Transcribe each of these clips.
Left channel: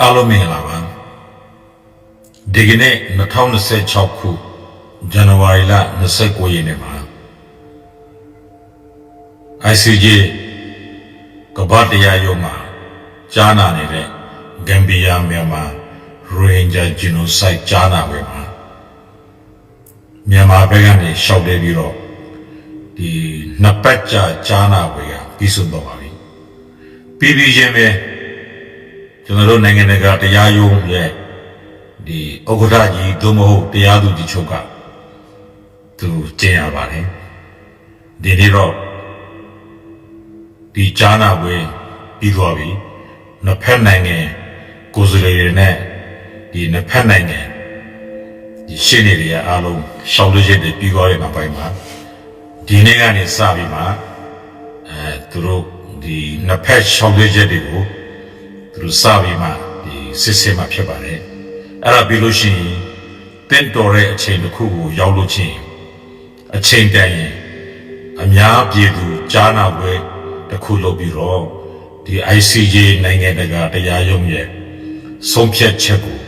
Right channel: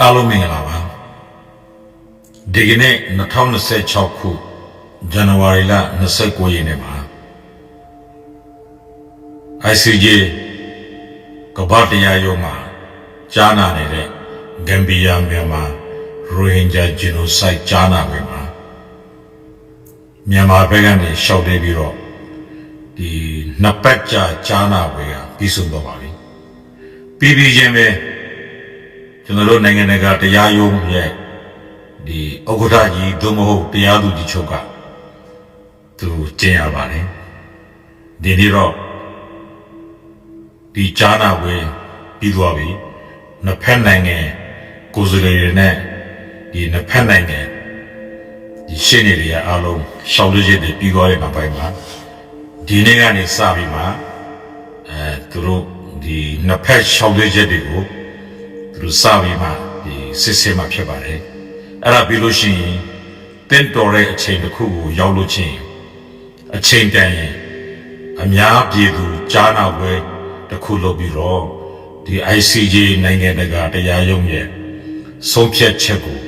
အားလုံးမင်္ဂလာပါဒီကနေ့2026ခုဇန်နဝါရီလ29ရက်နေ့မှာ ICJ ကမ္ဘာတရားရုံးမှာကြားနာနေတဲ့ဂမ်ဘီယာမြန်မာရိုဟင်ဂျာဂျီနိုဆိုက်ကြားနာပွဲမှာမြန်မာဘက်ကနေရှောက်တယ်ပြီးတော့ဒီနှစ်ပတ်ကြာကြားနာပွဲကပြီးဆုံးတော့ပါပြီပြီးချင်းပဲကျွန်တော်တို့နိုင်ငံတကာတရားရုံးရဲ့ဒီဥက္ကဋ္ဌကြီးသို့မဟုတ်တရားသူကြီးချုပ်ကသူကျင်းရပါတယ်ဒီနေ့တော့ဒီကြားနာပွဲပြီးသွားပြီနှစ်ဖက်နိုင်ငံကိုယ်စားလှယ်တွေနဲ့ဒီနှစ်ဖက်နိုင်ငံဒီရှင်းနေတွေအားလုံးရှောက်လို့ရတဲ့ပြီးသွားတဲ့နောက်ပိုင်းမှာဒီနေ့ကနေစပြီးမှသူတို့ဒီနှစ်ဖက်ရှောက်လို့ရတဲ့ကိုသူတို့စပြီးမှဒီစစ်စစ်မှဖြစ်ပါတယ်အဲ့ဒါပြီးလို့ရှိရင်တင်းတော်တဲ့အချိန်တစ်ခုကိုရောက်လို့ချင်းအချိန်တန်ရင်အများပြည်သူကြားနာပွဲတစ်ခုလုပ်ပြီးတော့ဒီ ICJ နိုင်ငံတကာတရားရုံးရဲ့ဆုံးဖြတ်ချက်ကို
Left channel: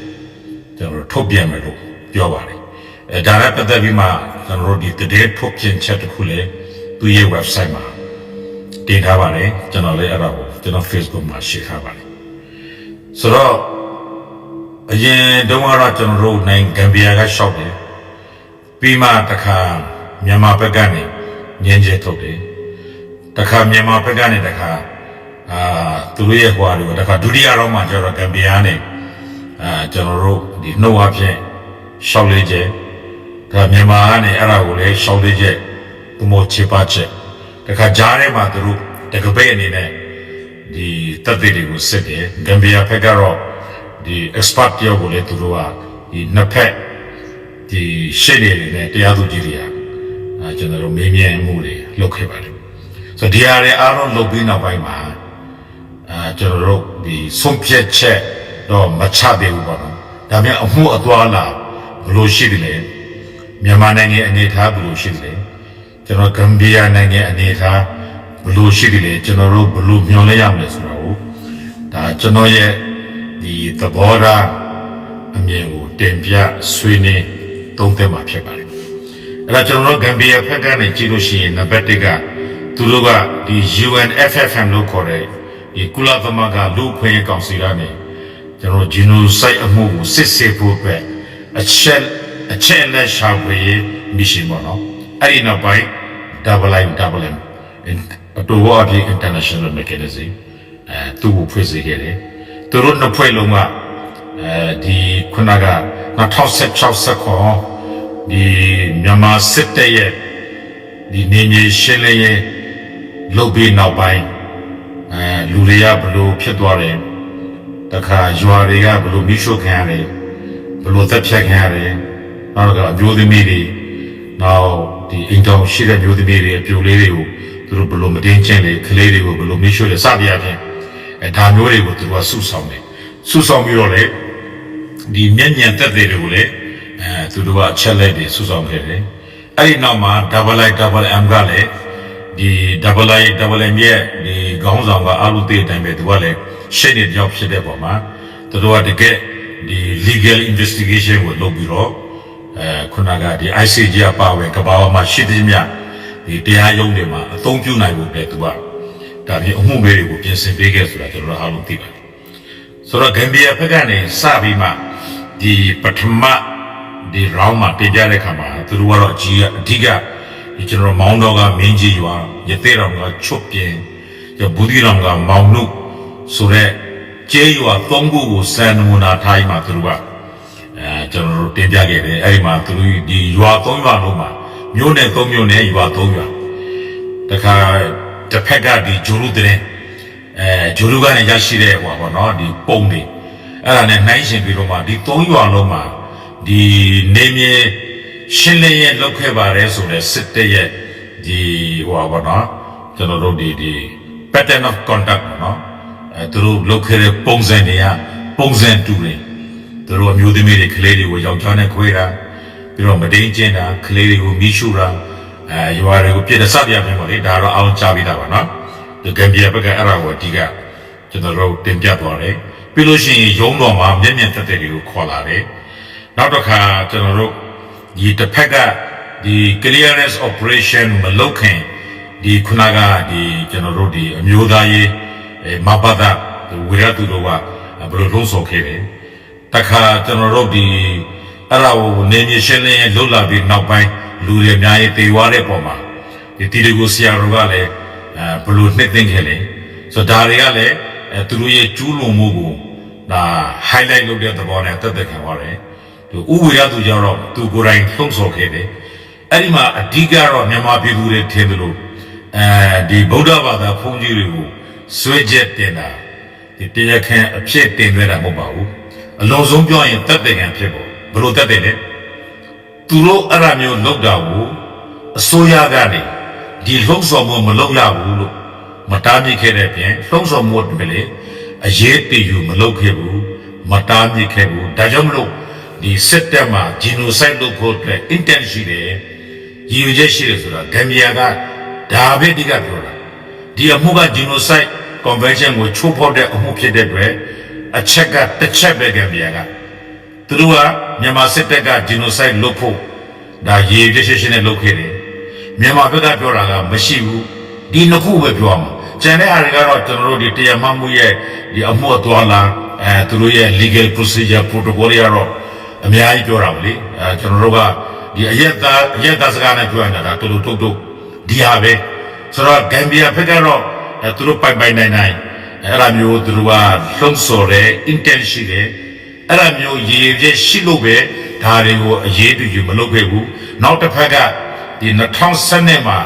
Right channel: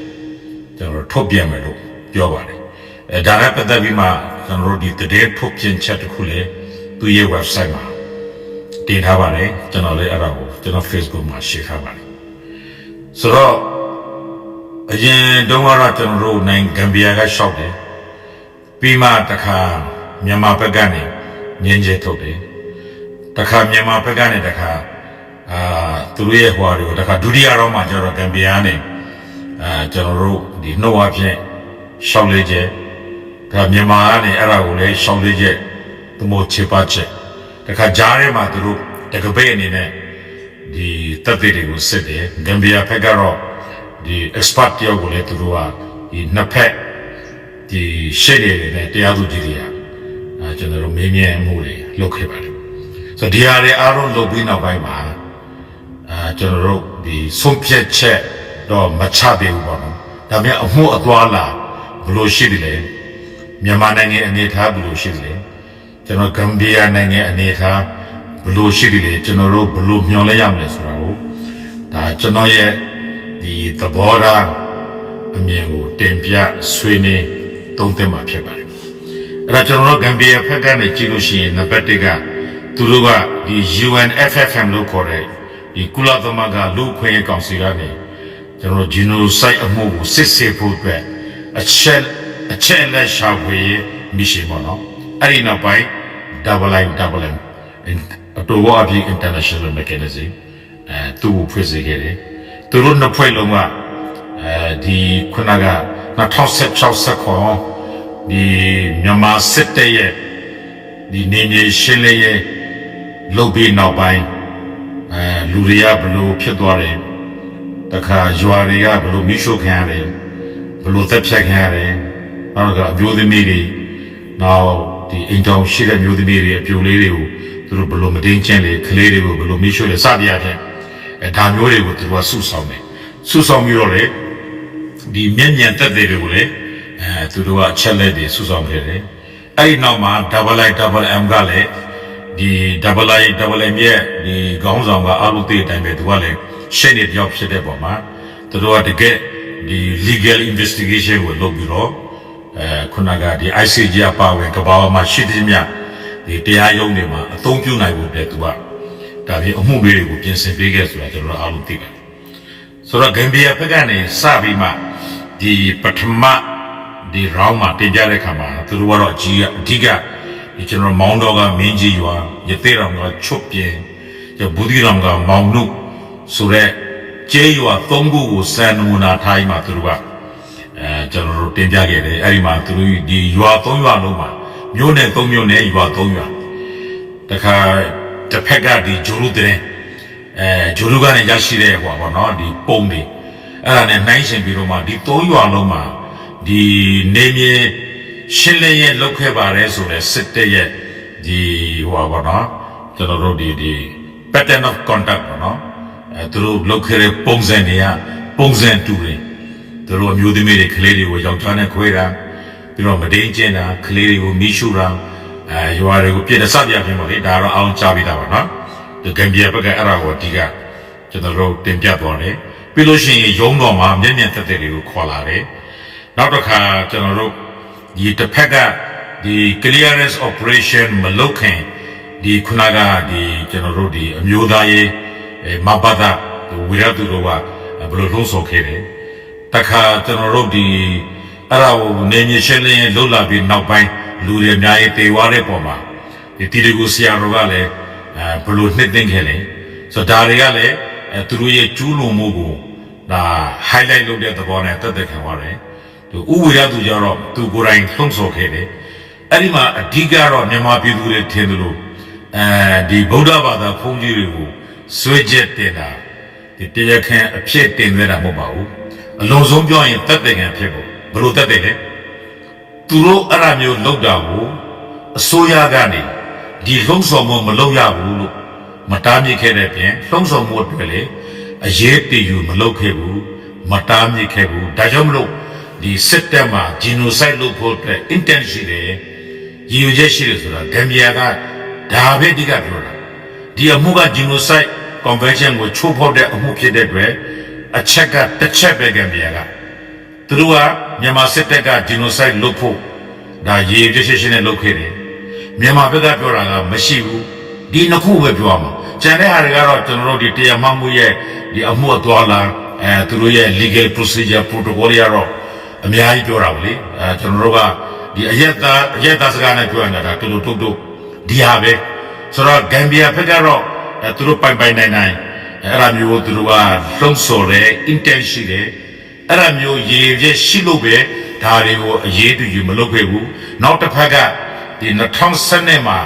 ကျွန်တော်ထုတ်ပြန်မယ်လို့ပြောပါတယ်ဒါနဲ့ပတ်သက်ပြီးမှကျွန်တော်တို့ဒီတည်းထုတ်ပြန်ချက်တစ်ခုလည်းသူ့ရဲ့ website မှာတင်ထားပါတယ်ကျွန်တော်လည်းအဲ့ဒါကိုကျွန်တော် Facebook မှာ share ထားပါတယ်ဆိုတော့အရင်တုန်းကတော့ကျွန်တော်တို့နိုင်ငံဂမ်ဘီယာကရှောက်တယ်ပြီးမှတခါမြန်မာဘက်ကနေငင်းကျဲထုတ်တယ်တခါမြန်မာဘက်ကနေတခါသူတို့ရဲ့ဟွာတွေကိုတခါဒုတိယရောင်းမှကျတော့ဂမ်ဘီယာနဲ့ကျွန်တော်တို့ဒီနှုတ်အဖြစ်ရှောက်လေးကျဲဒါမြန်မာကနေအဲ့ဒါကိုလည်းရှောက်လေးကျဲသူမို့ချေပါချက်တခါကြားထဲမှာသူတို့တကပိတ်အနေနဲ့ဒီတပ်တွေကိုစစ်တယ်ဂမ်ဘီယာဘက်ကတော့ဒီ expert တယောက်ကိုလည်းသူတို့ကဒီနှစ်ဖက်ဒီရှေ့နေတွေနဲ့တရားသူကြီးတွေကကျွန်တော်တို့မေးမြန်းမှုတွေလုပ်ခဲ့ပါတယ်ဆိုတော့ဒီဟာတွေအားလုံးလုပ်ပြီးနောက်ပိုင်းမှာကျွန်တော်တို့ဒီဆုံးဖြတ်ချက်တော့မချသေးဘူးပေါ့နော်ဒါပေမဲ့အမှုအသွားလာဘယ်လိုရှိသလဲမြန်မာနိုင်ငံအနေအထားဘယ်လိုရှိသလဲကျွန်တော်ဂမ်ဘီယာနိုင်ငံအနေအထားဘယ်လိုရှိသလဲကျွန်တော်တို့ဘယ်လိုမျှော်လင့်ရမလဲဆိုတာကိုဒါကျွန်တော်ရဲ့ဒီသဘောထားအမြင်ကိုတင်ပြဆွေးနွေးသုံးသပ်မှာဖြစ်ပါတယ်အဲ့ဒါကျွန်တော်တို့ဂမ်ဘီယာဘက်ကနေကြည့်လို့ရှိရင်နံပါတ်1ကသူတို့ကဒီ UNFFM လို့ခေါ်တဲ့ဒီကုလသမဂ္ဂလူ့အခွင့်အရေးကောင်စီကနေကျွန်တော်ဂျီနိုဆိုက်အမှုကိုစစ်ဆေးဖို့အတွက်အချက်လက်ရှာဖွေရေးမစ်ရှင်ပေါ့နော်အဲ့ဒီနောက်ပိုင်း IIMM အတူအပြင် international mechanism သူ့ကိုဖွဲ့စည်းခဲ့တယ်သူတို့နှစ်ဖွဲ့လုံးကဒီခုနက2016ဒီမြန်မာစစ်တပ်ရဲ့ဒီနေမြေရှင်းလင်းရေးလုပ်ပြီးနောက်ပိုင်းလူတွေကဘလို့ဖြစ်သွားတယ်တခါရွာတွေကဘလို့မိရှုခံရတယ်ဘလို့သက်ဖြတ်ခံရတယ်နောက်ကအမျိုးသမီးတွေနောက်ဒီအိမ်တောင်ရှိတဲ့မျိုးသမီးတွေအပြိုလေးတွေကိုသူတို့ဘလို့မတင်းချင်းလေကလေးတွေကိုဘလို့မိရှုလေစသည်အဖြစ်ဒါမျိုးတွေကိုသူတို့ကစုဆောင်တယ်စုဆောင်ပြီးတော့လေဒီမျက်ညံသက်တွေကိုလေသူတို့ကအချက်လက်တွေစုဆောင်ခဲ့တယ်အဲ့ဒီနောက်မှာ IIMM ကလည်းဒီ IIMM ရဲ့ဒီခေါင်းဆောင်ကအလုပ်တဲ့အတိုင်းပဲသူကလည်းရှင်းနေပြောင်းဖြစ်တဲ့ပုံမှာသူတို့ကတကယ်ဒီ legal investigation ကိုလုပ်ပြီးတော့ခုနကဒီ ICJ ပါဝင်ကဘာမှာရှိတဲ့မြဒီတရားရုံးတွေမှာအသုံးပြုနိုင်ဖို့တဲ့သူကဒါပြီးအမှုတွေကိုပြင်ဆင်ပေးခဲ့ဆိုတာကျွန်တော်တို့အားလုံးသိပါတယ်ဆိုတော့ဂမ်ဘီယာဘက်ကနေစပြီးမှဒီပထမဒီ round မှာတင်ကြတဲ့ခါမှာသူတို့ကတော့အဓိကဒီကျွန်တော်မောင်းတော်ကမင်းကြီးရွာရသေးတော်ကချွတ်ပြင်းဘူဒီတော်ကမောင်နုဆိုတဲ့ကျေးရွာ၃ခုကိုစံနမူနာထားပြီးမှသူတို့ကကျွန်တော်တို့တင်ပြခဲ့တယ်အဲ့ဒီမှာသူတို့ဒီရွာ၃ရွာလုံးမှာမြို့နယ်၃မြို့နယ်ရွာ၃ရွာတခါတစ်ဖက်ကဒီဂျိုလူတဲ့ဂျိုလူကနေရရှိတဲ့ဟောပေါ့နော်ဒီပုံတွေအဲ့ဒါနဲ့နှိုင်းရှင်ပြီးတော့မှဒီ၃ရွာလုံးမှာဒီနေမြေရှင်းလင်းရေးလုပ်ခဲ့ပါတယ်ဆိုတဲ့စစ်တပ်ရဲ့ဒီဟောပေါ့နော်ကျွန်တော်တို့ဒီ pattern of conduct ပေါ့နော်သူတို့လုပ်ခဲ့တဲ့ပုံစံတွေကပုံစံတူတယ်သူတို့အမျိုးသမီးတွေကလေးတွေကိုယောက်ျားနဲ့ခွဲတာပြီးတော့မတိန်ကျင်းတာကလေးတွေကိုမီးရှို့တာရွာတွေကိုပြစ်တဲ့စပြပြပေါ့လေဒါတော့အောင်ချပြီးတာပါနော်ဒီဂမ်ဘီယာဘက်ကအဲ့ဒါကိုအဓိကကျွန်တော်တို့တင်ပြသွားတယ် ပ ပြီးလို့ရှိရင်ရုံးတော်မှာမျက်မြင်သက်သက်တွေကိုခေါ်လာတယ်နောက်တစ်ခါကျွန်တော်တို့ဒီတစ်ဖက်ကဒီ clearance operation မလုပ်ခင်ဒီခုနကဒီကျွန်တော်တို့ဒီအမျိုးသားရေးမဘာသာဝိရတုတို့ကဘယ်လိုလုံးဆော်ခဲ့တယ်တခါကျွန်တော်တို့ဒီအဲ့ဒါကိုနေမြေရှင်းလင်းလှုပ်လာပြီးနောက်ပိုင်းလူတွေအများကြီးတေဝါတဲ့ပုံမှာဒီတီတကူဆရာတော်ကလည်းဘယ်လိုနှစ်သိမ့်ခဲ့လဲဆိုတော့ဒါတွေကလည်းသူတို့ရဲ့ကျူးလွန်မှုကိုဒါ highlight လုပ်တဲ့သဘောနဲ့တက်တက်ခံသွားတယ်သူဥဝိရသူကြတော့သူကိုယ်တိုင်လှုံ့ဆော်ခဲ့တယ်အဲ့ဒီမှာအဓိကတော့မြန်မာပြည်သူတွေထင်တယ်လို့ဒီဗုဒ္ဓဘာသာဘုန်းကြီးတွေကိုဆွဲချက်တင်တာဒီတရားခံအဖြစ်တင်သွင်းတာမဟုတ်ပါဘူးအလုံးစုံပြောရင်တက်တက်ခံဖြစ်ဖို့ဘယ်လိုတက်တယ်လဲသူတို့အဲ့ဒါမျိုးလုပ်တာကိုအစိုးရကနေဒီလှုံ့ဆော်မှုမလုပ်ရဘူးလို့မတားမြစ်ခဲ့တဲ့ပြင်လှုံ့ဆော်မှုတွေလေအရေးတည်ယူမလုပ်ခဲ့ဘူးမတားမြစ်ခဲ့ဘူးဒါကြောင့်မလို့ဒီစစ်တပ်မှာ genocide လုပ်ဖို့အတွက် intent ရှိတယ်ရည်ရွယ်ချက်ရှိတယ်ဆိုတာဂမ်ဘီယာကဒါပဲအဓိကပြောတာဒီအမှုက genocide convention ကိုချိုးဖောက်တဲ့အမှုဖြစ်တဲ့အတွက်အချက်ကတစ်ချက်ပဲဂမ်ဘီယာကသူတို့ကမြန်မာစစ်တပ်က genocide လုပ်ဖို့ဒါရည်ရွယ်ချက်ရှိနေလုပ်ခဲ့တယ်မြန်မာဘက်ကပြောတာကမရှိဘူးဒီနှစ်ခုပဲပြောရမှာကျန်တဲ့ဟာတွေကတော့ကျွန်တော်တို့ဒီတရားမှတ်မှုရဲ့ဒီအမှုအသွားလာသူတို့ရဲ့ legal procedure protocol ရတော့အများကြီးပြောတာပါလေကျွန်တော်တို့ကဒီအရက်သားစကားနဲ့ပြောနေတာတူတူတုတ်ဒီဟာပဲဆိုတော့ဂမ်ဘီယာဘက်ကတော့သူတို့ပိုင်နိုင်အဲ့ဒါမျိုးသူတို့ကလှုံ့ဆော်တဲ့ intent ရှိတယ်အဲ့ဒါမျိုးရည်ရွယ်ချက်ရှိလို့ပဲဒါတွေကိုအရေးတူယူမလုပ်ခဲ့ဘူးနောက်တစ်ဖက်ကဒီ2012မှာ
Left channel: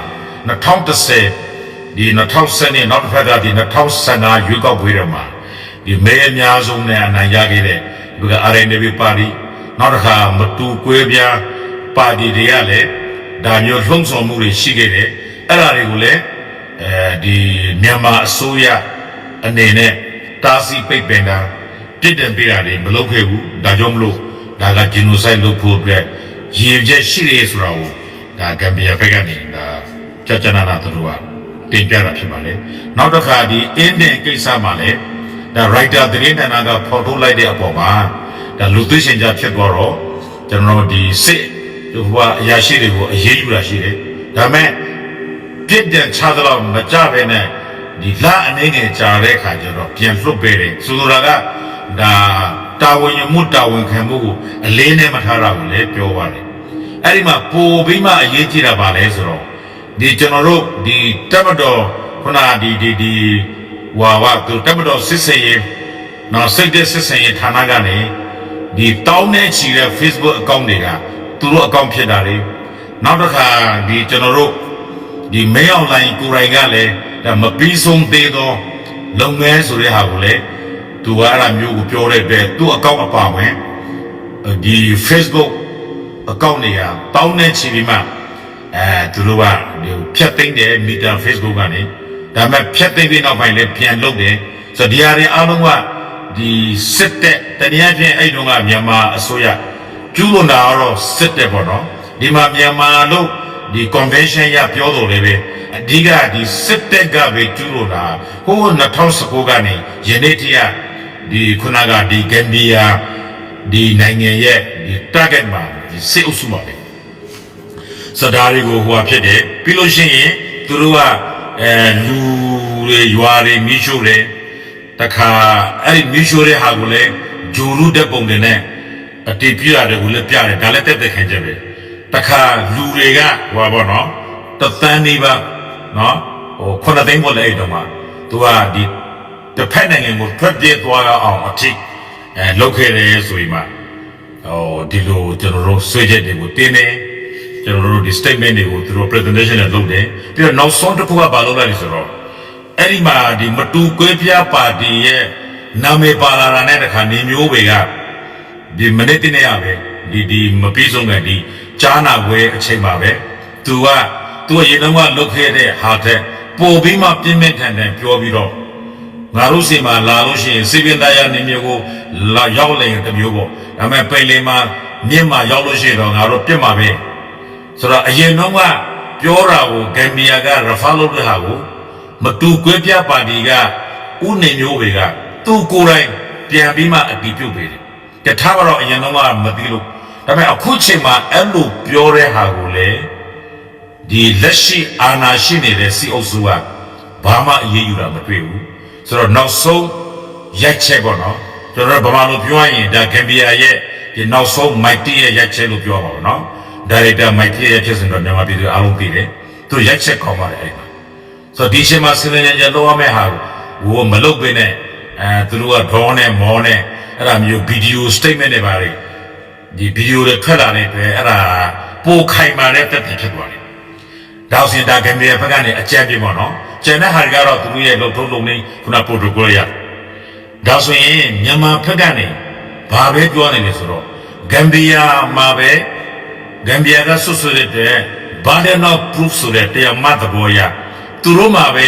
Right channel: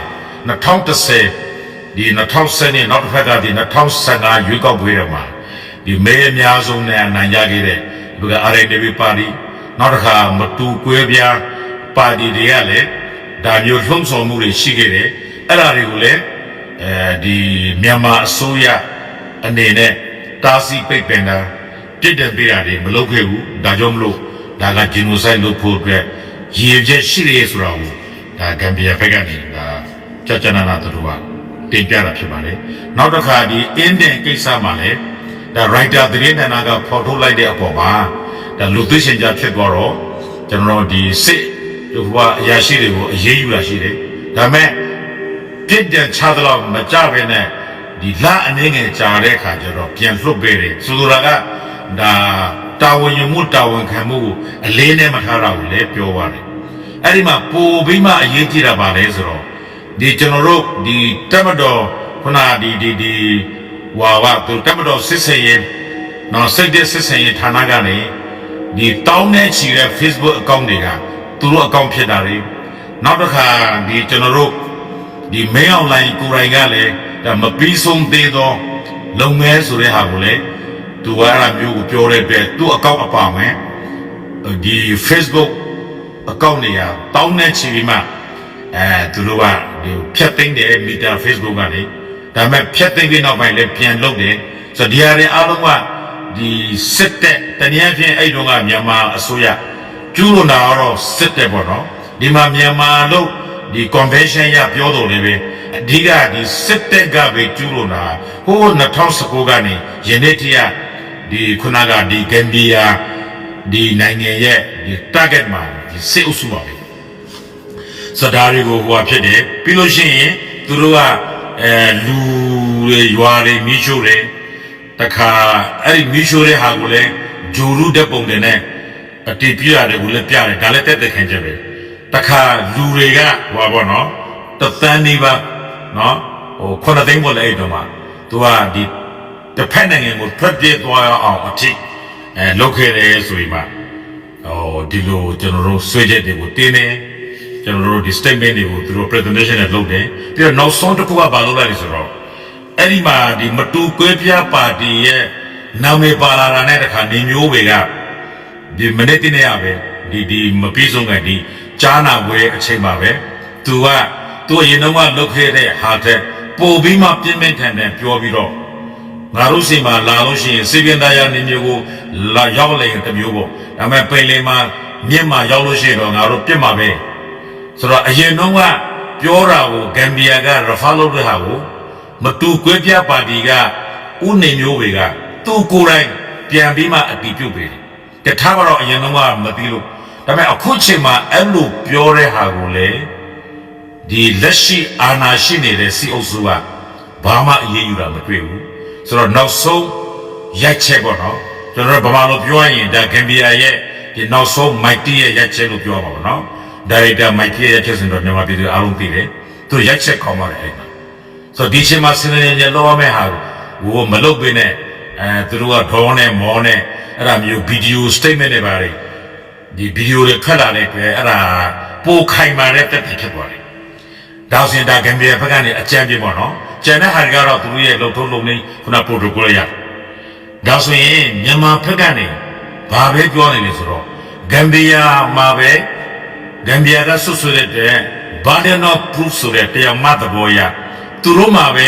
2010ဒီ2010နောက်တစ်ဖက်ကဒီ2015ရွေးကောက်ပွဲတွေမှာဒီမဲအများဆုံးနဲ့အနိုင်ရခဲ့တဲ့ဒီက RNDP ပါတီနောက်တစ်ခါမတူကွဲပြားပါတီတွေကလည်းဒါမျိုးလှုံ့ဆော်မှုတွေရှိခဲ့တယ်အဲ့ဒါတွေကိုလည်းဒီမြန်မာအစိုးရအနေနဲ့တားဆီးပိတ်ပင်တာပြစ်ဒဏ်ပေးတာတွေမလုပ်ခဲ့ဘူးဒါကြောင့်မလို့ဒါက genocide လုပ်ဖို့အတွက်ရည်ရွယ်ချက်ရှိတယ်ဆိုတာကိုဒါဂမ်ဘီယာဘက်ကနေဒါကြကြနာနာတို့ကတင်ပြတာဖြစ်ပါလေနောက်တစ်ခါဒီအင်းဒင်ကိစ္စမှာလည်းဒါ writer သတင်းဌာနကဖော်ထုတ်လိုက်တဲ့အပေါ်မှာဒါလူသိရှင်ကြဖြစ်သွားတော့ကျွန်တော်တို့ဒီစစ်ဟိုအရာရှိတွေကိုအရေးယူတာရှိတယ်ဒါမဲ့ပြစ်ဒဏ်ချသလောက်မကြပဲနဲ့ဒီလအနေငယ်ကြာတဲ့အခါကျတော့ပြန်လွတ်ပေးတယ်ဆိုလိုတာကဒါတာဝန်ယူမှုတာဝန်ခံမှုကိုအလေးနဲ့မထားတာကိုလည်းပြောပါတယ်အဲ့ဒီမှာပိုပြီးမှအရေးကြီးတာပါလဲဆိုတော့ဒီကျွန်တော်တို့ဒီတက်မတော်ခုနဒီဝါသူတက်မတော်စစ်စင်ရေးနော်စိတ်တဲ့စစ်စင်ရေးဌာနကနေဒီတောင်းနဲ့ချီတဲ့ Facebook account တွေကသူတို့ account ဖြစ်တာလေနောက်တစ်ခါဒီကျွန်တော်တို့ဒီ mail online ကိုယ်တိုင်ကလည်းဒါမပြီးဆုံးသေးသောလုပ်ငန်းဆိုတဲ့ဟာကိုလည်းသူကအဲ့ဒါမျိုးကိုပြောတဲ့အတွက်သူ့ account အပါဝင်ဒီ Facebook account တွေကတောင်းနဲ့ချီပြီးမှသူတို့ကဒီဖြတ်သိမ်းတယ်မီတာ Facebook ကနေဒါပေမဲ့ဖြတ်သိမ်းပြီးနောက်ပိုင်းလည်းပြန်လုပ်တယ်ဆိုတော့ဒီဟာတွေအားလုံးကဒီစစ်တပ်တနည်းအားဖြင့်အဲ့တုန်းကမြန်မာအစိုးရကျူးလွန်တာကတော့စစ်တပ်ပေါ့နော်ဒီမှာမြန်မာလို့ဒီ convention ရပြောတော်လည်းပဲအဓိကဒီစစ်တပ်ကပဲကျူးလွန်တာဟို2019ကနေယနေ့တည်းကဒီခုနကဒီဂမ်ဘီယာဒီနိုင်ငံရဲ့ဒီ target မှာဒီစစ်အုပ်စုပါပဲစဒါတွေကိုဟိုဖြစ်တယ်ပြီးလို့ရှိရင်သူတို့ကလူတွေရွာတွေမိရှို့တယ်တခါအဲ့ဒီမိရှို့တဲ့ဟာကိုလည်းဂျိုရုတဲ့ပုံတွေနဲ့အတီးပြရတယ်ကိုလည်းပြတယ်ဒါလည်းတက်တက်ခံချက်ပဲတခါလူတွေကဟိုပါပေါ့နော်တသန်းနေပါနော်ဟို9သိန်းပေါ်လဲအဲ့တော့မှသူကဒီတစ်ဖက်နိုင်ငံကိုထွက်ပြေးသွားရအောင်အထိလုပ်ခဲ့တယ်ဆိုရင်မှဒီလိုကျွန်တော်တို့ဆွေးချက်တွေကိုတင်းနေကျွန်တော်တို့ဒီ statement တွေကိုသူတို့ presentation နဲ့လုပ်တယ်ပြီးတော့နောက်ဆုံးတစ်ခုကဘာလုပ်လိုက်လဲဆိုတော့အဲ့ဒီမှာဒီမတူကွဲပြားပါတီရဲ့နာမည်ပါလာတာနဲ့တခါနေမျိုးတွေကဒီမနေ့တနေ့ရပဲဒီမပြီးဆုံးကဒီကြားနာပွဲအချိန်မှာပဲသူကရင်တော့ကလုတ်ခဲ့တဲ့ဟာတဲ့ပို့ပြီးမှပြင်းပြင်းထန်ထန်ပြောပြီးတော့ငါတို့စီမှာလာလို့ရှိရင်စီပင်တရားနေမျိုးကိုရောက်လိုက်ရင်တမျိုးပေါ့ဒါပေမဲ့ပင်လင်မှာမြင့်မှာရောက်လို့ရှိရင်တော့ငါတို့ပြစ်မှာပဲဆိုတော့အရင်တော့ကပြောတာကိုဂမ်ဘီယာကရဖာလုပ်တဲ့ဟာကိုမတူကွဲပြားပါတီကဥနေမျိုးတွေကသူကိုယ်တိုင် ပြန်ပြီးမှအတီးပြုတ်ပေးတယ်တထားပါတော့အရင်တော့ကမသိလို့ဒါပေမဲ့အခုချိန်မှာအဲ့လိုပြောတဲ့ဟာကိုလေဒီလက်ရှိအာဏာရှိနေတဲ့စီအုပ်စုကဘာမှအရေးယူတာမတွေ့ဘူးဆိုတော့နောက်ဆုံးရိုက်ချက်ပေါ့နော်ကျွန်တော်ဗမာလိုပြောရင်ဒါဂမ်ဘီယာရဲ့ဒီနောက်ဆုံးမိုက်တီရဲ့ရိုက်ချက်လို့ပြောပါပေါ့နော်ဒါရိုက်တာမိုက်တီရဲ့ရိုက်ချက်ဆိုတော့မြန်မာပြည်သူအားလုံးသိတယ်သူရိုက်ချက်ကောင်းပါတယ်အဲ့မှာဆိုတော့ဒီချိန်မှာစနေညလောက်ရမယ့်ဟာကိုမလုပ်ပေးနဲ့သူတို့ကဒေါင်းနဲ့မောနဲ့အဲ့ဒါမျိုးဗီဒီယိုစတိတ်မန့်တွေပါတယ်ဒီဗီဒီယိုတွေထွက်လာတဲ့အတွက်အဲ့ဒါပိုခိုင်မာတဲ့တက်တက်ဖြစ်သွားတယ်ဒါဆိုရင်ဒါဂမ်ဘီယာဘက်ကနေအကြံပြပေါ့နော်ကျန်တဲ့ဟာတွေကတော့သူတို့ရဲ့လုံထုံးလုံနေခုနပရိုတိုကောရဒါဆိုရင်မြန်မာဘက်ကနေဘာပဲပြောနေလဲဆိုတော့ဂမ်ဘီယာမှာပဲဂမ်ဘီယာကဆွဆွတဲ့တဲ့ burden of proof ဆိုတဲ့တရားမှတ်သဘောရသူတို့မှာပဲ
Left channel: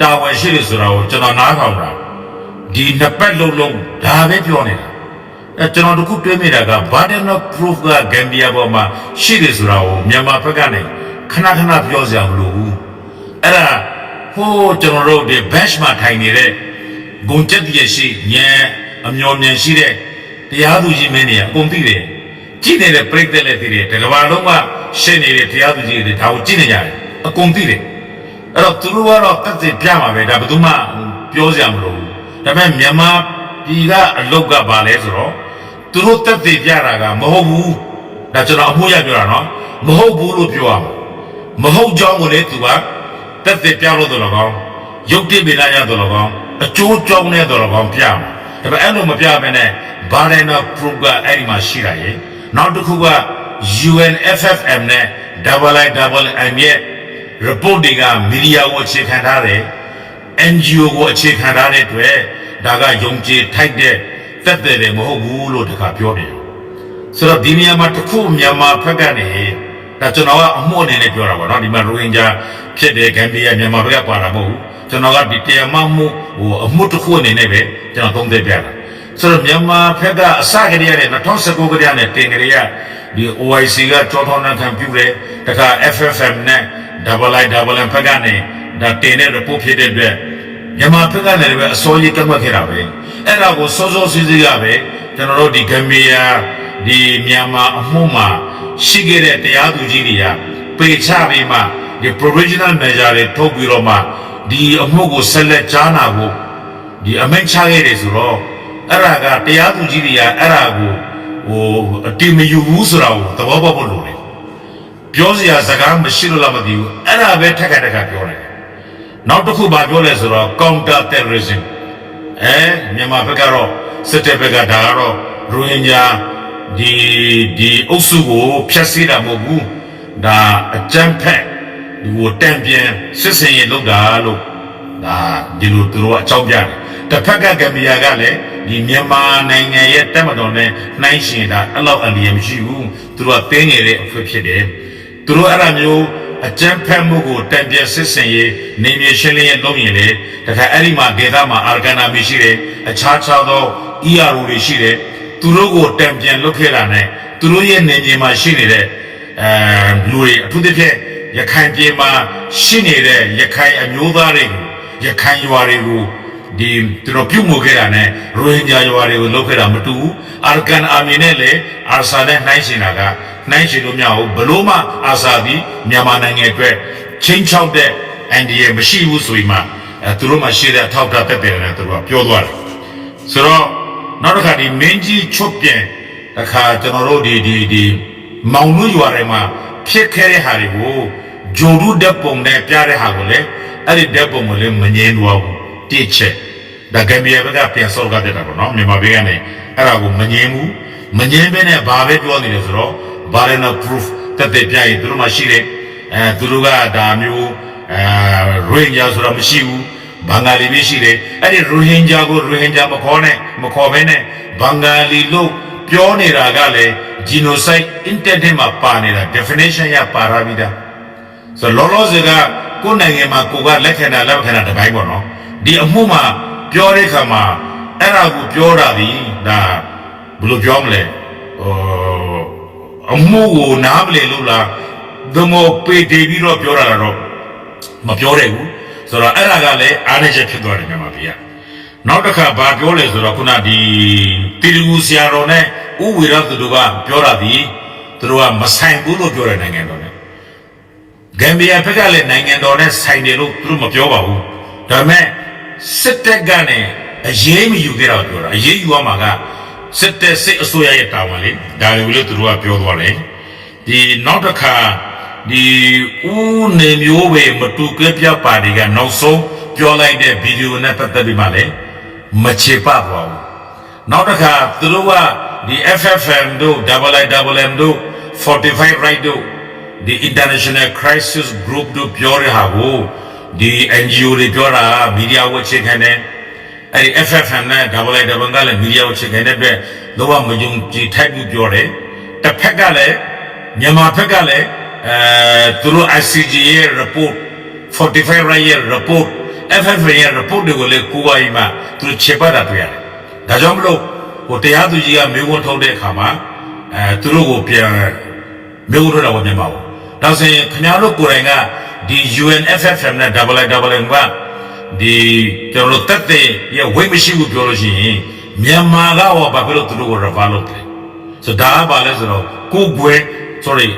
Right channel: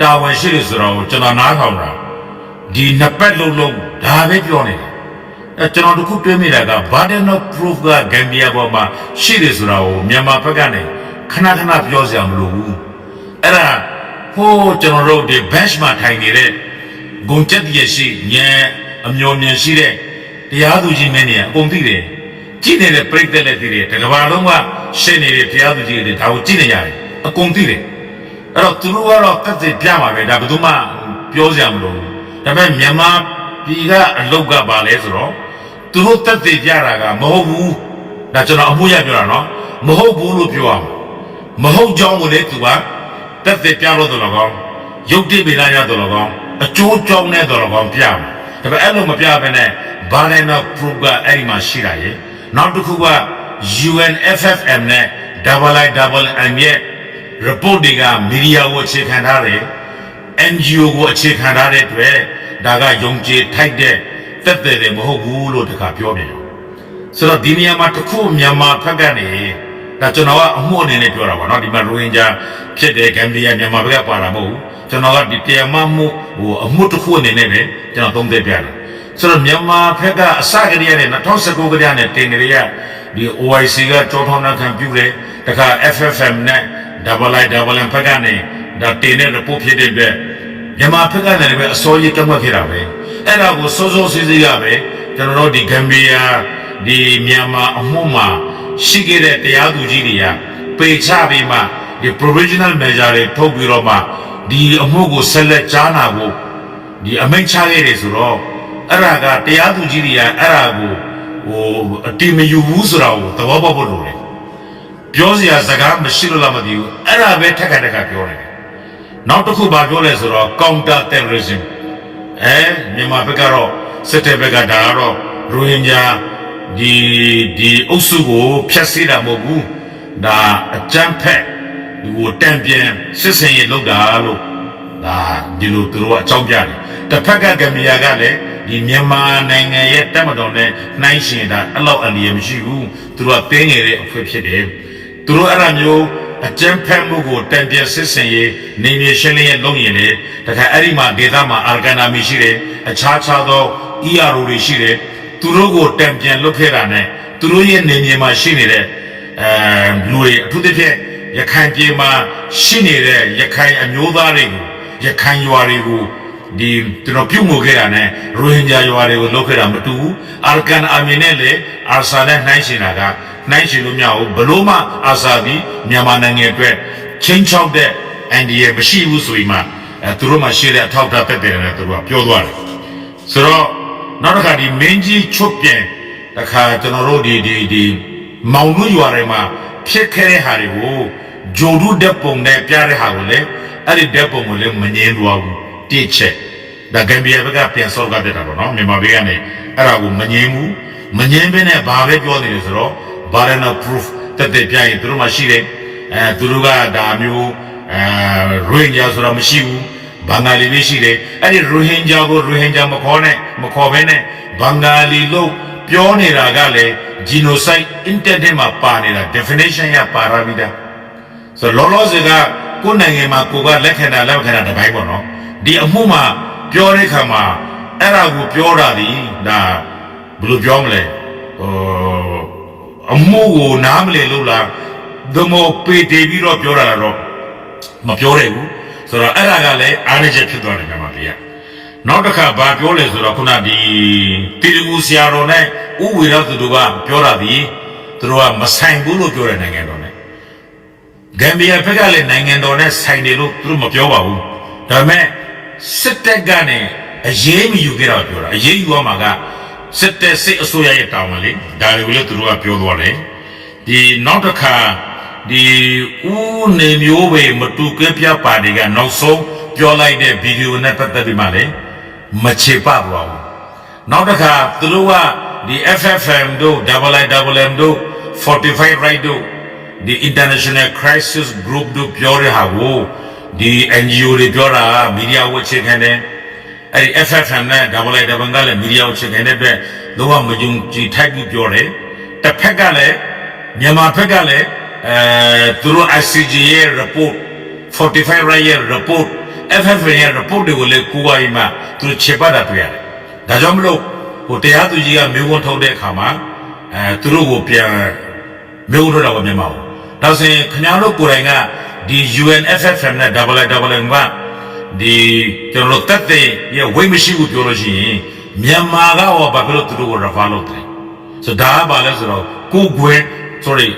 တာဝန်ရှိတယ်ဆိုတော့ကျွန်တော်နားထောင်တာဒီနှစ်ပတ်လုံးလုံးဒါပဲပြောနေတာကျွန်တော်တခုတွေးမိတာက burden of proof ကဂမ်ဘီယာပေါ်မှာရှိတယ်ဆိုတာကိုမြန်မာဘက်ကနေခဏခဏပြောစရာမလိုဘူးအဲ့ဒါဟိုးကျွန်တော်တို့ဒီ bench မှာထိုင်နေတဲ့ဂုံချက်တည်းရှိညံအမျော်မြင်ရှိတဲ့တရားသူကြီးမင်းတွေအကုန်သိတယ်ကြည့်နေတဲ့ပြိတ္တလည်းသိတယ်တကဘာလုံးကရှင်းနေတဲ့တရားသူကြီးတွေဒါကိုကြည့်နေရတယ်အကုန်သိတယ်အဲ့တော့သူတို့ကတော့တက်သိပြမှာပဲဒါဘယ်သူမှပြောစရာမလိုဘူးဒါပေမဲ့မြန်မာပြည်ကအလုတ်ကပါလဲဆိုတော့သူတို့တက်သိပြတာကမဟုတ်ဘူးဒါကျွန်တော်အမှုရပြောတာနော်မဟုတ်ဘူးလို့ပြောရမှာမဟုတ်ကြောင်းကိုလေသူကတက်သိပြလို့တော့ကောင်းရုပ်တည်ပေးလိုက်ရတော့ကောင်းအကျိုးကြောင်းနဲ့တော့ကောင်းပြမှာဒါပေမဲ့အဲ့လိုမပြဘဲနဲ့ဘာလဲနော် proof ကအဲ့ဒီမှာရှိတာရေနောက်တစ်ခုက UNFFM နဲ့ IIMM ရဲ့ report တွေကမီဒီယာကိုအခြေခံထားတယ် NGO ကိုအခြေခံထားတဲ့အတွက်ဒါကယုံကြည်ထိုက်တဲ့တက်တယ်မဟုတ်ဘူးလို့တခါပြောပြရောဆိုတော့ဒီနေရာမှာတစ်ခုမြန်မာဘက်ကနေဒါကျွန်တော်ကအမှုအနေနဲ့ပြောတာပေါ့နော်ဒီမှာရိုဟင်ဂျာဖြစ်တဲ့ဂမ်ဘီယာမြန်မာဘက်ကပါတာမဟုတ်ဘူးကျွန်တော်ကဒီတရားမှမှုအမှုတစ်ခုအနေနဲ့ပဲကျွန်တော်သုံးသပ်ပြတာဆိုတော့မြန်မာဘက်ကအစကတည်းက2019ကတည်းကတင်ကြရဒီ OIC ကကြောထောင်းနှံခံပြုတယ်တခါ FFM နဲ့ IIMM ဘက်ကနေဒါတင်တဲ့ report ဖြစ်တဲ့အတွက်မြန်မာဘက်ကလည်းပဲအစိုးရကန့်ကွက်ခဲ့တာပဲအဲ့ဒါကိုစိုးစိုးစီးစီးကပဲကျွန်တော်တို့ဒီဂမ်ဘီယာဒီမြန်မာအမှုမှာရှိခဲ့တဲ့တရားသူကြီးတွေကပေချပြီးမှဒီ provisional measure တွေထုတ်ပြီးတော့မှဒီအမှုကိုဆက်လက်ကြားနာဖို့ဒီအမိန့်ချခဲ့တယ်ဆိုတော့အဲ့ဒါကတရားသူကြီးတွေကအဲ့ဒါကိုအတိမယူဘူးဆိုတာကိုသဘောပေါက်ဖို့လိုတယ်ပြောစရာစကားမရှိလို့လားမသိဘူးအဲ့ဒါပဲထက်ခါပြောတယ်နောက်တစ်ခုဘာပြောလဲဆိုတော့ counter terrorism မြန်မာဘက်ကတော့စစ်တပ်ဘက်ကဒါကတော့ရိုဟင်ဂျာဒီအုပ်စုကိုဖျက်ဆီးတာမဟုတ်ဘူးဒါအကြမ်းဖက်ဒီကိုတံပြန်စစ်စင်ရေးလုပ်တာလို့ဒါဒီလိုသူတို့အကြောင်းပြတယ်တစ်ဖက်ကဂမ်ဘီယာကလည်းဒီမြန်မာနိုင်ငံရဲ့တပ်မတော်နဲ့နှိုင်းယှဉ်တာအဲ့လောက်အလျေမရှိဘူးသူတို့ကတင်းငယ်တဲ့အဖွဲ့ဖြစ်တယ်သူတို့အဲ့ဒါမျိုးအကြမ်းဖက်မှုကိုတံပြန်စစ်စင်ရေးနေမြေရှင်းလင်းရေးလုပ်ရင်လေတခါအဲ့ဒီမှာဒေသမှာအာဂနာမီရှိတယ်အခြားသော ERO တွေရှိတယ်သူတို့ကိုတံပြန်လုပ်ခဲ့တာနဲ့သူတို့ရဲ့နေမြေမှာရှိနေတဲ့လူတွေအထူးသဖြင့်ရခိုင်ပြည်မှာရှိနေတဲ့ရခိုင်အမျိုးသားတွေကိုရခိုင်ရွာတွေကိုဒီကျွန်တော်ပြုတ်မှုခဲ့တာနဲ့ရိုဟင်ဂျာရွာတွေကိုလုပ်ခဲ့တာမတူဘူးအာရကန်အာမီနဲ့လေအာဆာနဲ့နှိုင်းရှင်တာကနှိုင်းရှင်လို့မရဘူးဘလို့မှအာဆာပြီးမြန်မာနိုင်ငံအတွက်ချင်းချောက်တဲ့အန်ဒီရဲ့မရှိဘူးဆိုပြီးမှသူတို့မှရှိတဲ့အထောက်အထားတက်တယ်နဲ့သူတို့ကပြောသွားတယ်ဆိုတော့နောက်တစ်ခါဒီမင်းကြီးချွတ်ပြန်တစ်ခါကျွန်တော်တို့ဒီမောင်နှွရွာတွေမှာဖြစ်ခဲ့တဲ့ဟာတွေကိုဂျုံတို့တက်ပုံနဲ့ပြတဲ့ဟာကိုလေအဲ့ဒီတက်ပုံကိုလည်းမငြင်းသွားဘူးတိချက်ဒါဂမ်ဘီယာဘက်ကပြန်ဆော့ကတက်တာပေါ့နော်မြန်မာဘက်ကနေအဲ့ဒါကိုမငြင်းဘူးမငြင်းဘဲနဲ့ဘာပဲပြောနေလဲဆိုတော့ burden of proof တက်ပြရင်သူတို့မှရှိတယ်သူတို့ကဒါမျိုးရိုဟင်ဂျာဆိုတာမရှိဘူးဘင်္ဂါလီပဲရှိတယ်အဲ့ဒီရိုဟင်ဂျာကိုရိုဟင်ဂျာမခေါ်ဘဲနဲ့ဘင်္ဂါလီလို့ပြောနေတာကလည်း genocide intent မှာပါနေတာ definition ရပါရပြီးသားဆိုတော့လောလောဆယ်ကကိုယ်နိုင်ငံမှာကိုကလက်ခံတာတစ်ပိုင်းပေါ့နော်ဒီအမှုမှာပြောတဲ့ခါမှာအဲ့ဒါကိုပြောတာဒီဒါဘယ်လိုပြောမလဲအမှုကိုနားမလည်လို့လားဒမိုပေတီပြီးတော့ပြောတာလားတော့မပြောတယ်ဘူးဆိုတော့အဲ့ဒါကလည်းအားနည်းချက်ဖြစ်သွားတယ်မြန်မာပြည်က နောက်တစ်ခါဘာပြောလဲဆိုတော့ခုနဒီတီလူဆရာတော်နဲ့ဥဝေရသူတို့ကပြောတာဒီသူတို့ကမဆိုင်ဘူးလို့ပြောတဲ့နိုင်ငံတော်နဲ့ဂမ်ဘီယာဘက်ကလည်းနိုင်ငံတော်နဲ့ဆိုင်တယ်လို့သူတို့မပြောပါဘူးဒါပေမဲ့စစ်တပ်ကနေအရေးမယူခဲ့တော့ပြောတာအရေးယူရမှာကစစ်တပ်စစ်အစိုးရရဲ့တာဝန်လေဒါတွေကိုလည်းသူတို့ကပြောသွားတယ်ဒီနောက်တစ်ခါဒီဦးနေမျိုးပဲမတူကပြပါတီကနောက်ဆုံးပြောလိုက်တဲ့ဗီဒီယိုနဲ့ပတ်သက်ပြီးမှလည်းမချေပသွားဘူးနောက်တစ်ခါသူတို့ကဒီ FFM တို့ IIM တို့ 45 right တို့ဒီ International Crisis Group တို့ပြောရဟာကိုဒီ NGO တွေပြောတာမီဒီယာဝက်ချခိုင်းတယ်အဲ့ဒီ FFM နဲ့ IIM ကလည်းမီဒီယာဝက်ချခိုင်းတဲ့အတွက်လုံးဝမယုံကြည်ထိုက်ဘူးပြောတယ်တစ်ဖက်ကလည်းမြန်မာဘက်ကလည်းသူတို့ ICJ ရဲ့ report 45 right ရဲ့ report FFM ရဲ့ report တွေကိုလည်းကိုးကားပြီးမှသူတို့ချေပတ်တာတွေ့ရတယ်ဒါကြောင့်မလို့ဟိုတရားသူကြီးကမျိုးဝန်ထုတ်တဲ့အခါမှာသူတို့ကိုပြန်မျိုးထုတ်တာပေါ့မြန်မာပေါ့ဒါဆိုရင်ခင်ဗျားတို့ကိုယ်တိုင်ကဒီ UNFFM နဲ့ IIM ကဒီကျွန်တော်တို့တက်တဲ့ရဲ့ဝိတ်မရှိဘူးပြောလို့ရှိရင်မြန်မာကရောဘာဖြစ်လို့သူတို့ကို refer လုပ်တယ်ဆိုတော့ဒါကဘာလဲဆိုတော့ကိုယ်ကွယ် sorry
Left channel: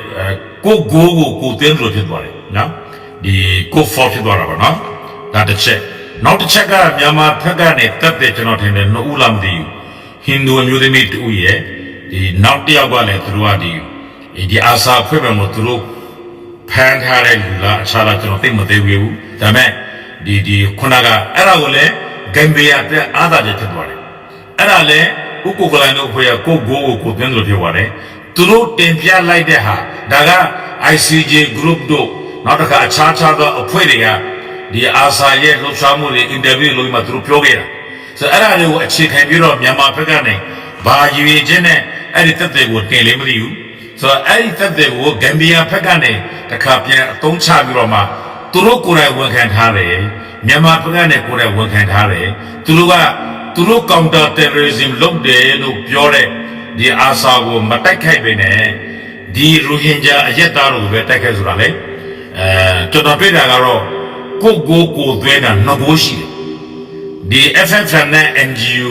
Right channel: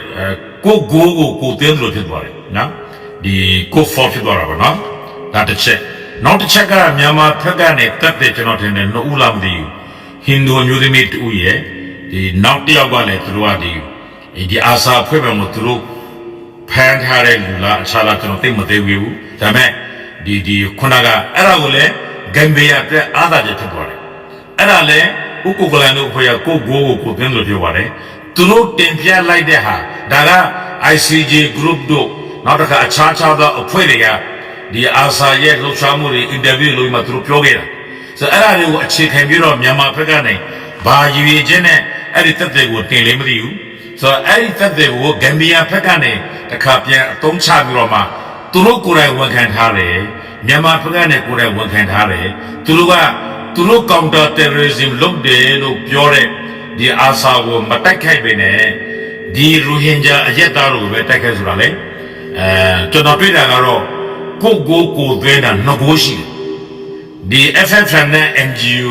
ကိုကိုတင်းလို့ဖြစ်သွားတယ်နော်ဒီကို for ဖြစ်သွားတာပေါ့နော်ဒါတစ်ချက်နောက်တစ်ချက်ကမြန်မာဘက်ကနေတက်တဲ့ကျွန်တော်ထင်တယ်နှစ်ဦးလားမသိဘူးဟိန္ဒူမျိုးသမီးတူရဲ့ဒီနောက်တစ်ယောက်ကလည်းသူတို့ကဒီအာစာဖွဲ့မယ်မို့သူတို့ဖန်ထားတဲ့လူလားအခြားလားကျွန်တော်သိမသိဘူးဒါပေမဲ့ဒီခုနကအဲ့ဒါကိုလည်းဂမ်ဘီယာတဲ့အာသာချက်ဖြစ်သွားတယ်အဲ့ဒါလည်းဥက္ကုကလန်တို့ဖွဲ့ရကိုကိုတင်းလို့ဖြစ်သွားတယ်သူတို့တင်ပြလိုက်တဲ့ဟာဒါက ICJ group တို့နောက်တစ်ခါအခြားသောအဖွဲ့တွေကဒီအာစာရဲ့လှုပ်ရှားမှုတွေအင်တာဗျူးလုပ်မှသူတို့ပြောခဲ့တာဆိုတော့အဲ့ဒါတွေကိုအခြေခံပြီးတော့မြန်မာဘက်ကနေဘာရည်ရွယ်ချက်နဲ့အဲ့ဒီသက်သေကိုတင်လေမသိဘူးဆိုတော့အဲ့ဒီသက်သေကိုဂမ်ဘီယာဘက်ကနေတခါပြန်အသုံးချပြီးတော့မှသူတို့ကိုယ်တိုင်ဝန်ခံထားတယ်မြန်မာဘက်ကနေကိုယ်တိုင်ဝန်ခံထားတယ်သူတို့ counter terrorism လုပ်တယ်လို့ပြောတဲ့ဒီအာစာကိုမတိုက်ခိုက်ပေနဲ့ဒီရိုဟင်ဂျာအရက်သားတို့ပဲတိုက်ခိုက်ဆိုတာလေကျွန်တော်တွေ့တာကတော့ကိုသွင်းတာနှစ်ကိုရှိတယ်ဒီ FFM နဲ့ NGO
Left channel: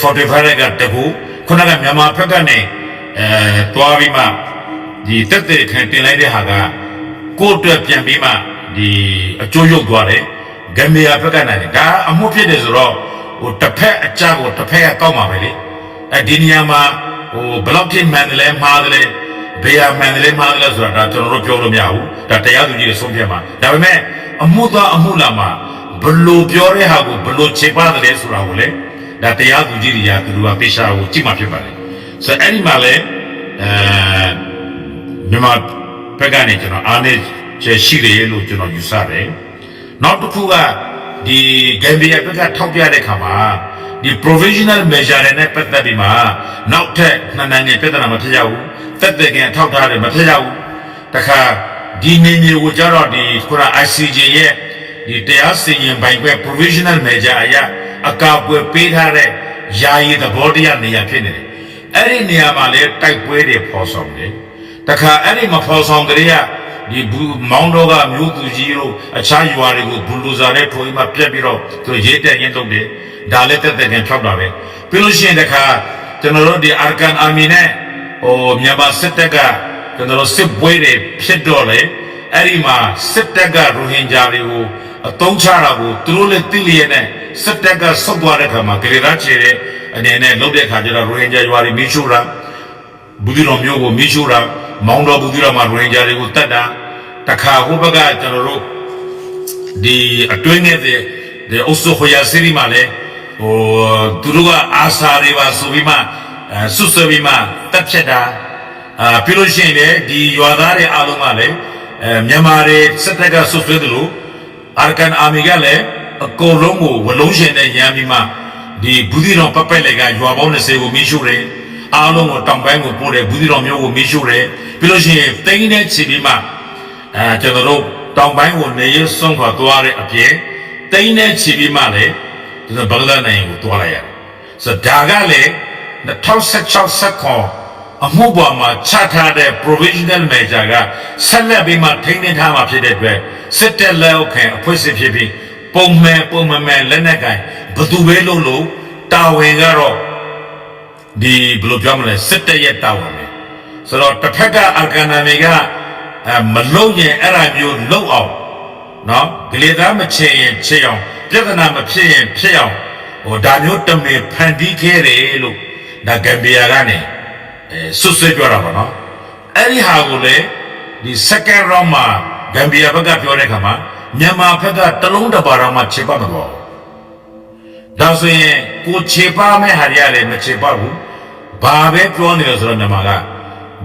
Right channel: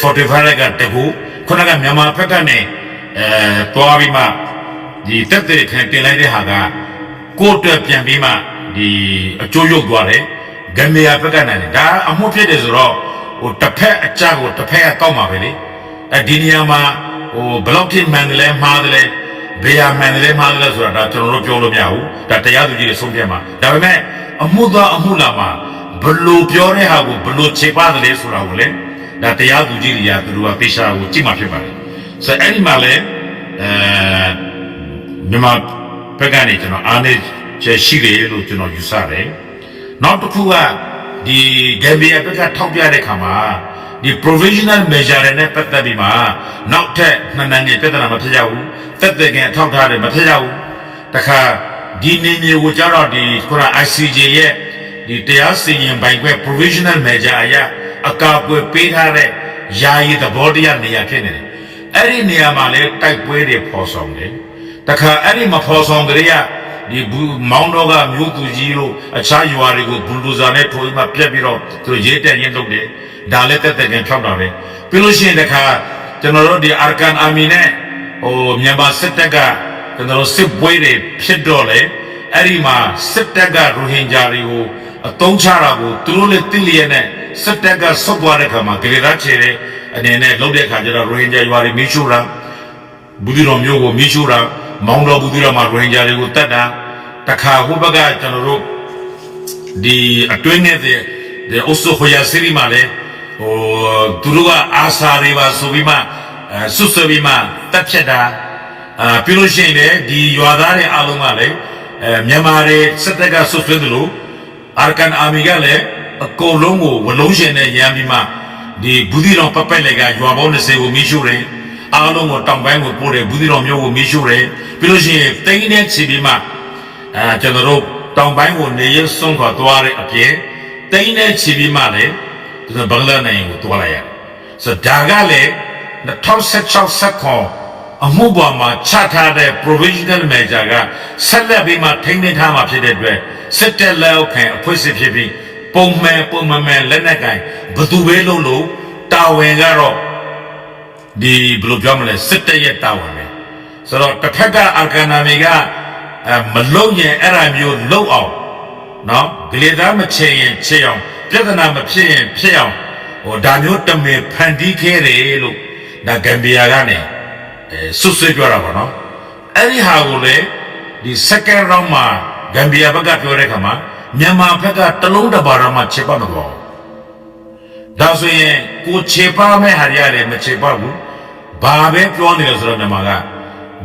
45ကတကူခုနကမြန်မာဘက်ကနေတွားပြီးမှဒီတက်တဲ့ခံတင်လိုက်တဲ့ဟာကကိုအတွက်ပြန်ပြီးမှဒီအကျိုးရုပ်သွားတယ်ဂမ်ဘီယာဘက်ကနိုင်တယ်ဒါအမှုဖြစ်တယ်ဆိုတော့ဟိုတစ်ဖက်အကြကိုတစ်ဖက်ကကောက်မှာပဲလေဒီနေရာမှာဟိုဘလောက်ထိမှန်တယ်လဲမှားတယ်လဲဘေးရမှန်တယ်လဲမှားတယ်လဲဆိုတာဒါကျွန်တော်တို့ပြောလို့မရဘူးဒါတရားသူကြီးတွေဆုံးဖြတ်မှာဒါပေမဲ့အမှုသားအမှုလာမှာဘလို့ပြောတဲ့ဟာကိုဘလို့ခြေပါတယ်လဲဆိုတာကိုလေဒါတရားသူကြီးတွေကသူတို့ကသေချာကိုကြည့်မှဖြစ်ပါတယ်ဆိုတော့အဲ့ဒီမှာလေမြန်မာဘက်ကနေကျွန်တော်အားနေချက်ရှိတယ်လို့ကျွန်တော်ယူဆတယ်နောက်တစ်ခုကဒီဂမ်ဘီယာဘက်ကထောက်ပြတဲ့ခါမှာဒီ provisional measure နဲ့ပတ်သက်ပြီးမှနောက်ထပ်နှစ်နိုင်ငံပြဿနာမဖြစ်ကြဘူးတက်တဲ့ကန်ထောက်ထားတယ်မဖြစ်ကြဘူးတခါဒီနေမျိုးကိုကြတော့ဒီခုန ICJ ရဲ့ဒီတရားစီရင်ပိုင်ခွင့် provisional measure အရအကာအကွယ်ပေးထားတဲ့ယာယီသဘောတရားနေရာဖြစ်နေတယ်အဲ့ဒီနေရာမှာလေတိုက်ပွဲတွေပေါ်ဆောင်တယ်တခါအဲ့ဒီမပေါ်ဆောင်ကြရဒီမောင်းတော့ကမြို့သူကြီးတို့အခြားရွာတွေကိုဘူလူဇာနဲ့ထိုးပြီးမှပြက်ပြီးတော့သူရေးတက်ရင်လုပ်တယ်ဒါလည်းတက်ကန်ဖြောက်တာပဲပြီးလို့ရှိရင်တခါကျွန်တော်တို့ဒီအာကန်အာမီနဲ့ဟိုမြန်မာစစ်တပ်ကကျွန်တော်တို့စစ်ပွဲတွေဖြစ်တော့လေအဲ့ဒီမှာစစ်တပ်ကရိုဟင်ဂျာတွေကိုအတုံးချတာကိုသူတို့လည်းသိလျက်နဲ့စစ်တပ်ကဆုတ်သွားတဲ့ခါမှာဂလေသားချေတဲ့အနေနဲ့လုပ်တဲ့ခါကျတော့ရိုဟင်ဂျာရွာတွေမိရှုတာဘူးဒီတော်မျိုးကိုမိရှုတာမောင်းတော်ဘူးဒီတော်မှာရိုဟင်ဂျာတွေကိုတတ်တာတခါဟိုဘက်ကကျွန်တော်တို့ဒီအတွင်းနဲ့အုပ်စုဟိုယာစီရီမှာလည်းဟိုသူတို့ကအာစာတွေပါဆိုပြီးမှဆွဆွပြီးမှတက်ဖြတ်တာပြီးလို့ရှိရင်လေဒီရွာသားတွေအားလုံးကလည်းမြန်မာတွေစစ်တပ်ကဆွဆွတယ်လို့အာကန်အာမီကလည်းအကုန်လုံးကိုဝလုံးရှင်နဲ့ရမ်းပြီးမှဒီဘူးဒီတော်ပပက်လေကရွာပေါင်း20ကိုမိရှုတယ်အားလုံးကိုတောင်ပိုင်းကိုပို့တယ်ဘူးဒီတော်မျိုးကိုမိရှုတယ်ပြီးလို့ရှိရင်တိန်းနဲ့ချီပြီးမှကျွန်တော်တို့တောင်ပိုင်းကိုနေရစွန့်ခွာသွားတဲ့အပြင်တိန်းနဲ့ချီပြီးမှလည်းကျွန်တော်ဘင်္ဂလားနိုင်ငံကိုသွားလိုက်ရတယ်ဆိုတော့ဒါကလည်း2016ခွန်အမှုပေါ်မှာချထားတဲ့ provisional measure ကဆက်လက်ပြီးမှထိန်းသိမ်းထားမှာဖြစ်တဲ့အတွက်စစ်တပ်လက်အောက်ခံအဖွဲ့အစည်းဖြစ်ပြီး ပုံမှန်လက်နက်ကင်ဘသူပဲလို့တာဝန်ကတော့ဒီဘယ်လိုပြောမလဲစစ်တပ်ရဲ့တာဝန်ပဲဆိုတော့တစ်ဖက်ကအာဂန်နာမီကမလုံရင်အဲ့ဒါမျိုးလုံအောင်နော်ဂလေသားမချင်ရင်ချစ်အောင်ပြဿနာမဖြစ်ရင်ဖြစ်အောင်ဟိုဒါမျိုးတမင်ဖန်တီးခဲ့တယ်လို့ဒါဂမ်ဘီယာကနေဆွဆွဲပြောတာပါနော်အဲ့ဒီဟာကိုလေဒီ second round မှာဂမ်ဘီယာဘက်ကပြောတဲ့ခါမှာမြန်မာဘက်ကတလုံးတစ်ပါးတော့မှချေပမသွားဘူးဒါဆိုရင်ကိုချေပမဲ့ဟာရရတယ်မချေပဘူးဘာပဲပြောနေလဲဆိုတော့မြန်မာက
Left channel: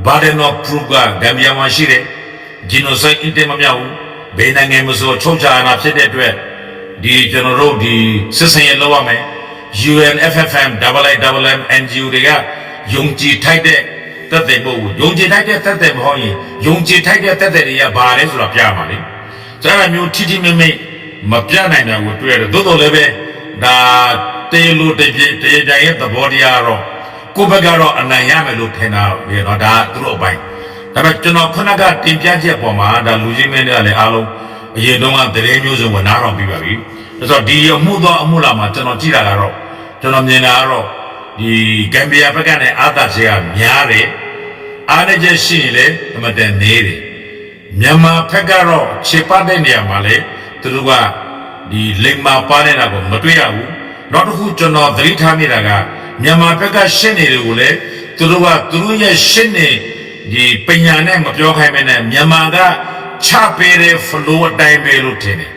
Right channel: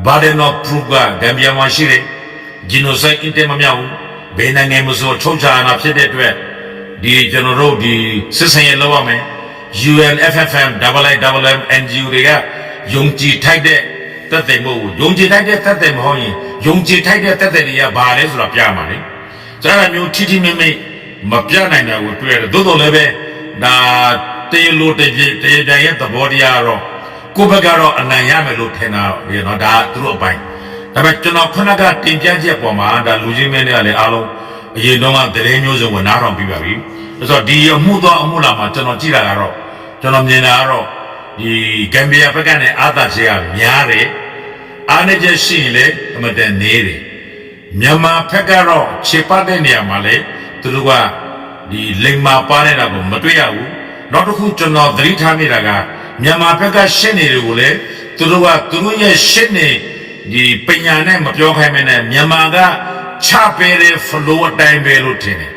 burden of proof ကဂမ်ဘီယာမှာရှိတယ် genocide အင်တယ်မမြောက်ဘူးဘယ်နိုင်ငံမဆိုချုပ်ချာနာဖြစ်တဲ့အတွက်ဒီကျွန်တော်တို့ဒီစစ်စင်ရေးလုပ်ရမယ် UNFFM IIM NGO တွေကယုံကြည်ထိုက်တဲ့တက်တဲ့မဟုတ်ဘူးယုံကြည်ထိုက်တဲ့တက်တဲ့မဟုတ်ရင်ယုံကြည်ထိုက်တဲ့တက်တဲ့တွေကဘာလဲဆိုတော့ပြမှာလေဆိုတော့မျိုးထိထိမိမိမပြနိုင်တာကိုတွေ့ရတယ်သို့တော်လည်းပဲဒါတေလိုတပြည့်ရဲ့သဘောတရားတော့ကိုဘက်ကတော့အနိုင်ရမယ်လို့ထင်တာပဲเนาะဒါသူတို့အပိုင်းဒါပေမဲ့ကျွန်တော်ခုနကတင်ပြချက်ပေါ်မှာဒါလူကြီးမင်းတွေကလည်းအားလုံးအရင်တုန်းကသတင်းမျိုးစုံကိုနားထောင်ပြီးပါပြီဆိုတော့ဒီအမှုလာမှာကျွန်တော်ကြည့်တာကတော့ကျွန်တော်မြင်တာကတော့ဒီဂမ်ဘီယာဘက်ကနေအာသာချေကများတယ်အားနေချက်ရှိရင်လည်းအမတန်နေတယ်မြန်မာဘက်ကတော့ခြေပတ်တဲ့နေရာမှာလည်းသူတို့ကဒီလိမ္မာပါနေတာကိုမတွေ့ရဘူးနောက်တစ်ခုကျွန်တော်သတိထားမိတာကမြန်မာဘက်ကရှင်းနေတယ်ကိုလည်းသူတို့ကသူတို့ရဲ့ရှင်းနေဒီပညာနဲ့မပြောခိုင်းမနဲ့မြန်မာကချပေးတဲ့ flow အတိုင်းပဲလို့ထင်တယ်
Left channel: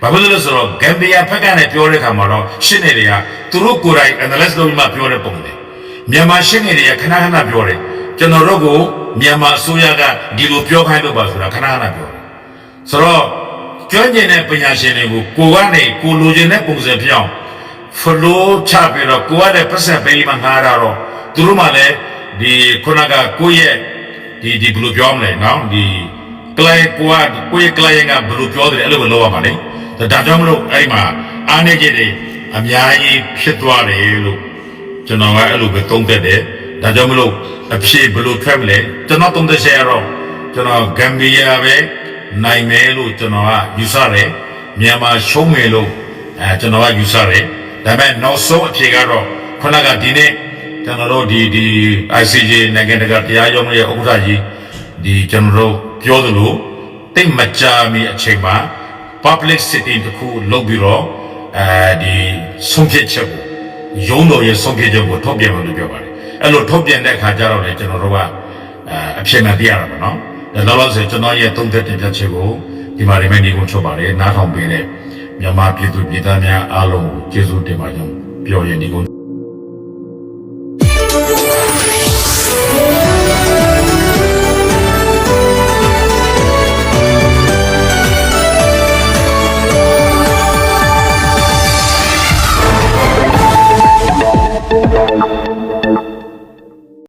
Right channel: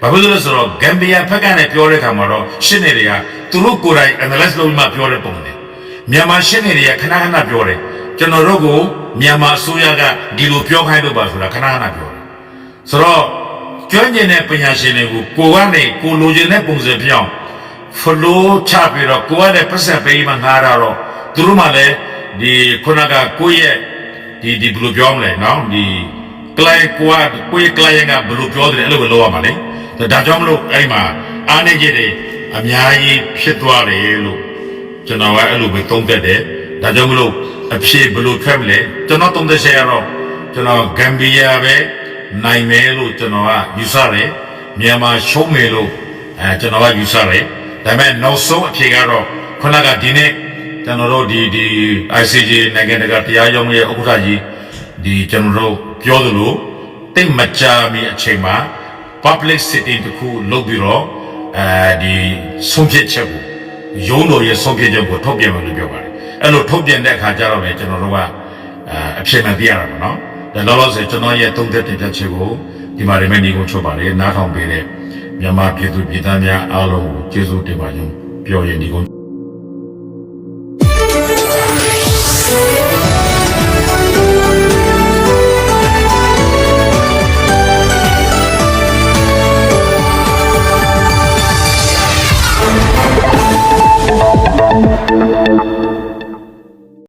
ဘာဖြစ်လို့လဲဆိုတော့ဂမ်ဘီယာဘက်ကနေပြောတဲ့အခါမှာတော့ရှင်းနေတွေကသူတို့ကိုယ်တိုင် analyze လုပ်မှပြောတဲ့ပုံတယ်မြန်မာရှင်းနေတွေကခဏပြောတယ်ကျွန်တော်တို့ကိုမြန်မာအစိုးရကဒီလိုပြောခိုင်းလို့ပါဆိုတာခဏပြောတယ်ဆိုတော့ကျွမ်းကျင်တဲ့ပညာရှင်တွေကိုကိုကနေကိုလိုချင်တဲ့ပုံစံပြောင်း flow ချပြီးတော့ကိုကလည်းပတ်ဆက်ပေးမှငှားတာတော့သူတို့မှလည်းဒီခုနကကိုရဲ့ဒီဘယ်လိုပြောမလဲနော်ဒီ client ကိုရဲ့ client ကဘယ်လိုပြောတယ်အဲ့လိုပဲလုပ်ရမှာလေဒါကြောင့်မလို့အဲ့ဒီမှာအားနေကြတယ်အများကြီးဖြစ်သွားတယ်လို့ကျွန်တော်ကအဲ့လိုပဲသုံးသပ်တယ်ဒါကြောင့်မလို့အဖြစ်ဘယ်လိုထွက်မလဲကျွန်တော်သုံးသပ်ချက်ရတော့ကျွန်တော်ဂမ်ဘီယာပဲနိုင်မယ်လို့ကျွန်တော်ကယူဆတယ်မြန်မာရှုံးမယ်လို့ကျွန်တော်ကယူဆတယ်ဒါပေမဲ့နောက်ဆုံးအဖြစ်ကတော့ခုနကဒီနေ့ကျွန်တော်တို့ဒီ ICJ နိုင်ငံတကာတရားရုံးရဲ့ဥက္ကဋ္ဌကြီးဒီကျွန်တော်တို့ပြောသလိုတိတ်မကြာမီအချိန်မှာ public sitting တခုလုပ်ပြီးတော့ဒီဆုံးဖြတ်ချက်ကိုရုံးတော်ရဲ့ဆုံးဖြတ်ချက်ကိုထုတ်ပြန်မယ်လို့ပြောပါတယ်အဲ့လိုထုတ်ပြန်တဲ့အခါကျတော့လေကျွန်တော်တို့ကအဖြစ်မှန်သိရတာပေါ့နော်ဒါလောလောဆယ်ကျွန်တော်ရဲ့သုံးသက်တင်ပြချက်ကိုဒီမှာရမယ်နေကုန်ချုပ်ပါတယ်နားထောင်ပေးတဲ့မြန်မာပြည်သူပြည်သားများအားလုံးကိုကျေးဇူးတင်ပါကြောင်းပြောရနေကုန်